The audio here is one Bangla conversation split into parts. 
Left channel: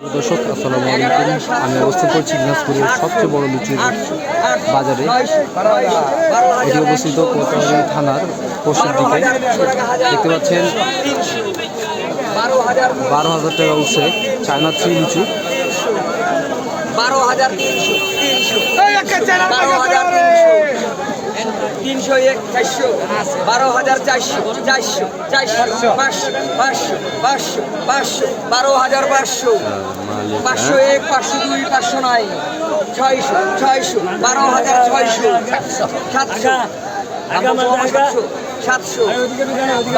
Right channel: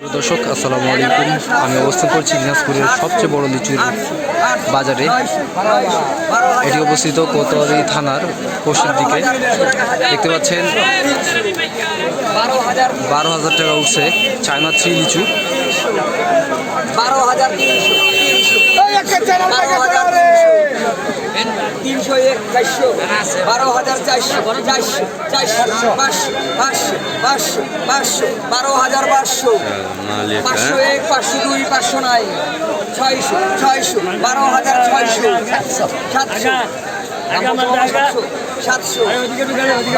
দর্শক, আসসালামু আলাইকুম। আমি অবস্থান করছি দিনাজপুরের সবচেয়ে বড় লিচুর বাজারে। এটি অবস্থিত কোতোয়ালি থানার পশ্চিম দিকে। দেখতে পাচ্ছেন, বারো হাজার টাকা উঠছে চায়না থ্রি লিচু। বারো হাজার তিনশো এক চারশো। বারো হাজার চারশো। চারশো। চারশো। পাঁচশো। পাঁচশো। পাঁচশো। পাঁচশো। বারো হাজার পাঁচশো। পাঁচশো এক পাঁচশো দুই পাঁচশো নয়। ছয়শো। ছয়শো। বারো হাজার ছয়শো। সাতশো। সাতশো সাতশো।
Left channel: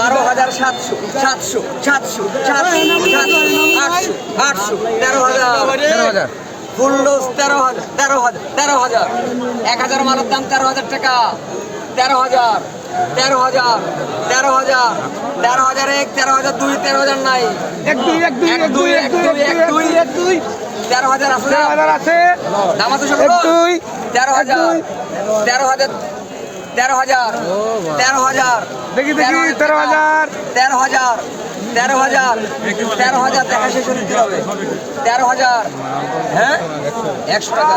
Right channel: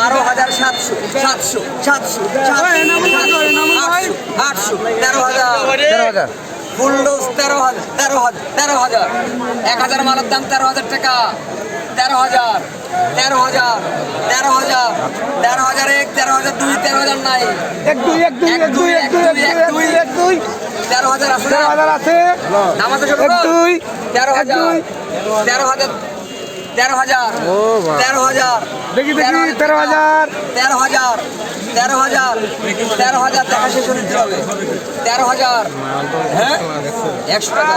বারো হাজার সাতশো। সাতশো। সাতশো। সাতশো। আটশো। আটশো। তেরো হাজার। ফুল ডোজ তেরো হাজার। তেরো হাজার। তেরো হাজার। এক হাজার মালের দাম তেরো হাজার টাকা। তেরো হাজার তেরো হাজার তেরো হাজার তেরো হাজার এক তেরো হাজার দুই তেরো হাজার নাই এক দুই এক দুই এক দুই এক দুই এক দুই এক দুই তেরো হাজার আছে দাম? হাজার আছে এক দুই তেরো হাজার তেরো হাজার তেরো হাজার তেরো হাজার দেখি দেখি তেরো হাজার তেরো হাজার তেরো হাজার তেরো হাজার দেখা শেষ হতে হবে তেরো হাজার হ্যাঁ একশো টাকা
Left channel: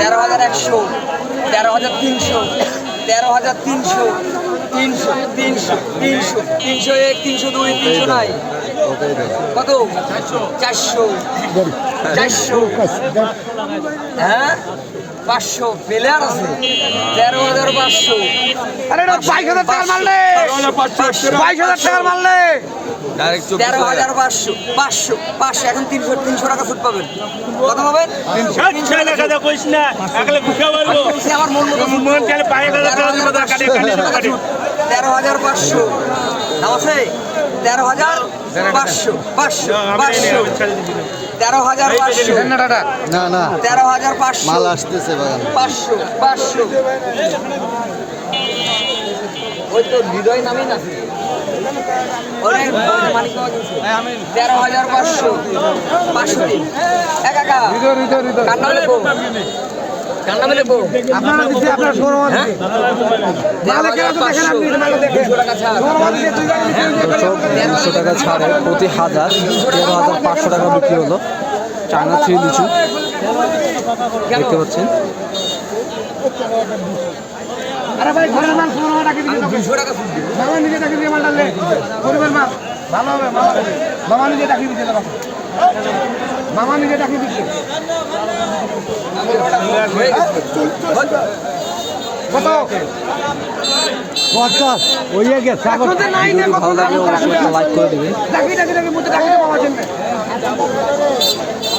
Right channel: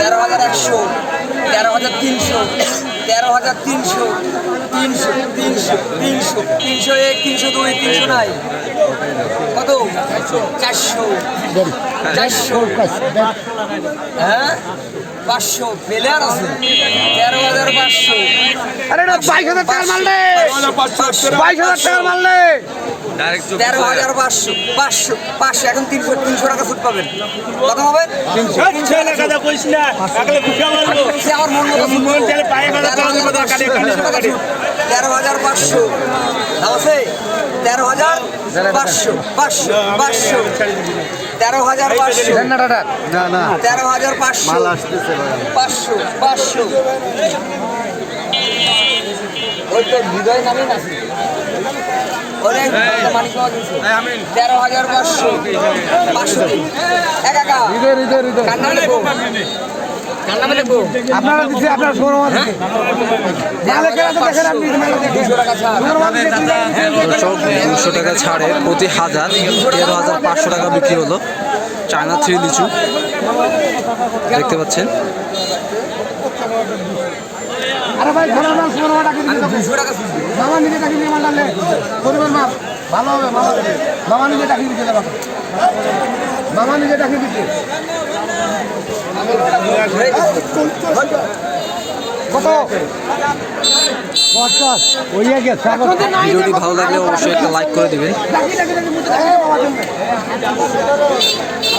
তেরো হাজার একশো তেরো হাজার তিনশো তেরো হাজার তিনশো। তিনশো তিনশো তিনশো তিনশো এক তিনশো দুই তিনশো নাই। কত? চারশো। চারশো। হ্যাঁ? পাঁচশো। প্লেয়ার আছে। তেরো হাজার পাঁচশো। বাইশ হাজার টাকা মারলে বাইশ হাজার টাকা মারলে তেরো হাজার। পাঁচশো পাঁচশো পাঁচশো এখন তিনশো তিনশো টাকা সুদ পাবেন। কত পাবেন আমার মন মতো তেরো হাজার পাঁচশো দাম আছে? তেরো হাজার পাঁচশো পাঁচশো পাঁচশো। তেরো হাজার পাঁচশো। তেরো হাজার পাঁচশো। পাঁচশো পাঁচশো। ওই তো হৃদয় নামে না তেরো হাজার পাঁচশো। পাঁচশো এক একা। ষোলো হ্যাঁ? দর্শক দুশো টাকা ছাড়ে প্রতি হাজার। তেরো হাজার পাঁচশো টাকা বিক্রি হলো। চায়না থ্রি লিচু। দেখতে পাচ্ছেন? আরে ভাই ঘোড়ার মাল ষোলো টাকা দিবো। মামা নিজে টাকা দিয়ে মাল গরিবের মাল ভালো হবে মামা মামা নিজে টাকা দিচ্ছে বাবা মামা নিজে টাকা দিচ্ছে। কত? পঞ্চাশ। ওই গেছে ভিডিওটি ভালো লাগলে অবশ্যই একটা লাইক করে দিবেন।